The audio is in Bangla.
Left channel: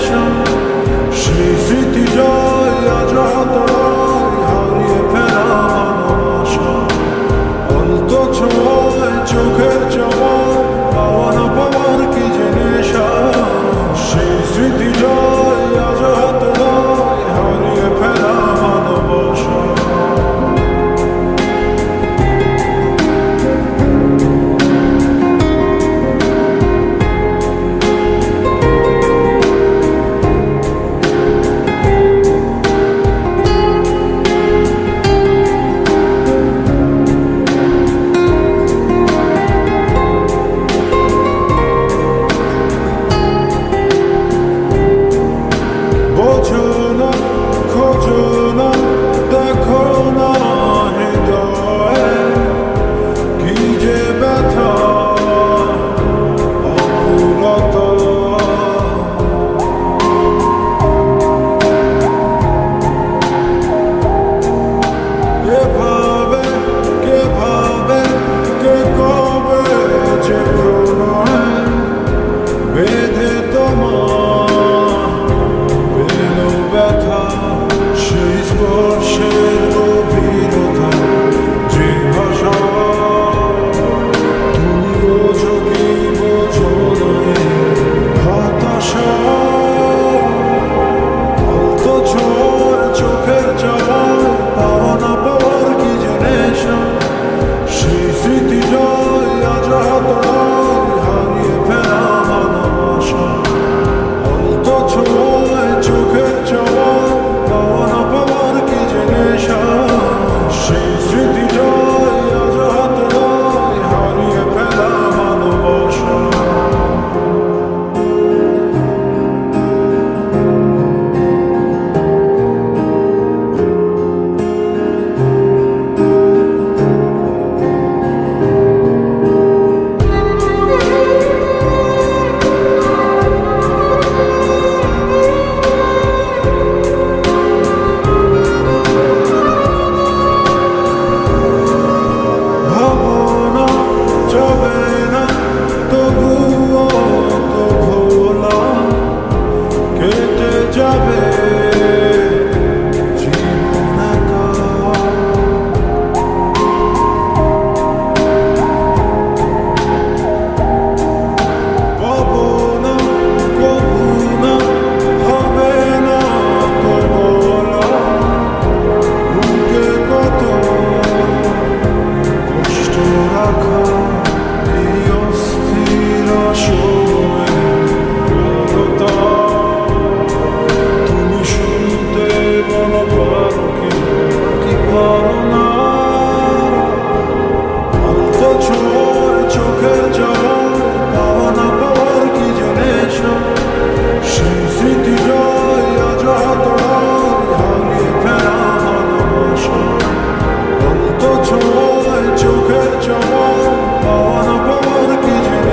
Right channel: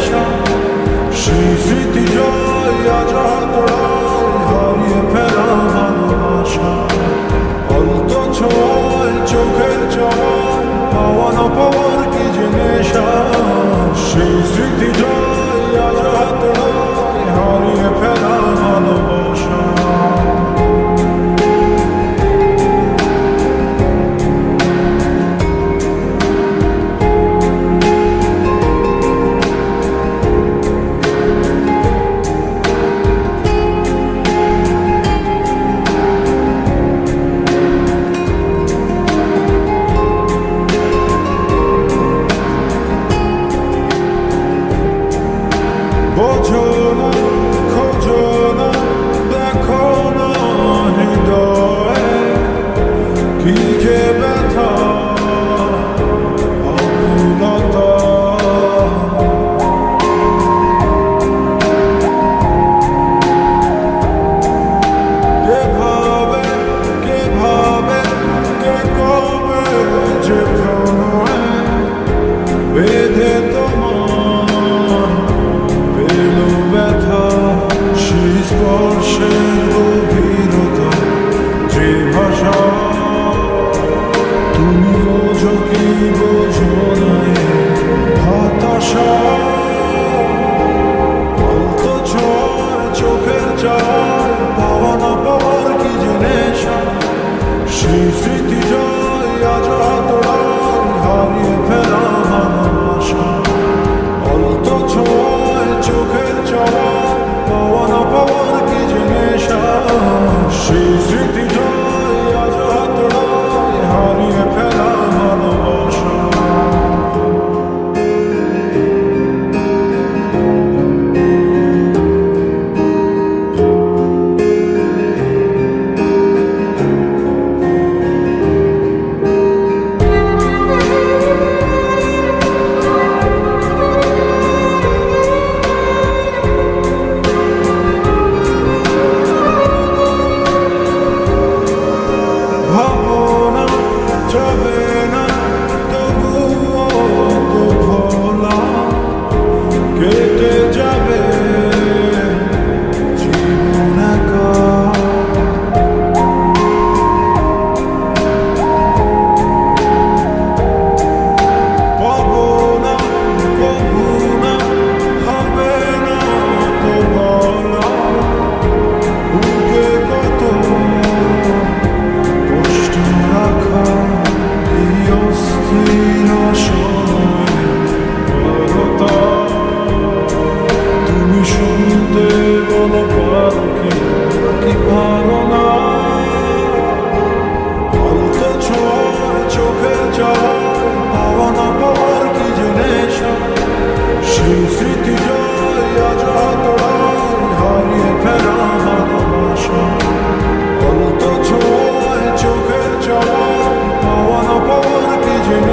নেশা, সেই স্মৃতি জয় আজ হাতড়ায় হারিয়ে ফেরা ভালোবাসা। অল্প ছোঁয়ায় চোখের চাওয়ায় পাওয়া না পাওয়ার কি যে নেশা, সেই স্মৃতি জয় আজ হাতড়ায় হারিয়ে ফেরা ভালোবাসা। বোঝো না, খোঁজো না, দেখো না হৃদয়ে কি যে ব্যথা অকুলতা। এভাবে কে ভাবে, কে কবে যে প্রণয় বেঁধে তোমার পেলো ব্যথা। সেই স্পর্শের গভীরতা, যে ভাষা তুমি বোঝো কি বোঝো না হতাশা। অল্প ছোঁয়ায় চোখের চাওয়ায় পাওয়া না পাওয়ার কি যে নেশা, সেই স্মৃতি জয় আজ হাতড়ায় হারিয়ে ফেরা ভালোবাসা। অল্প ছোঁয়ায় চোখের চাওয়ায় পাওয়া না পাওয়ার কি যে নেশা, সেই স্মৃতি জয় আজ হাতড়ায় হারিয়ে ফেরা ভালোবাসা। ভাবনা যাবে না তবুও তো ভোলা, কেটে যাবে জীবন একা। পাবো না কবু না, হবে না তো বলা, বুকে কত কষ্ট রাখা এই অস্থির সময়ে বড়তা। তুমি শুনতে বলো পারো কি পারো না। অল্প ছোঁয়ায় চোখের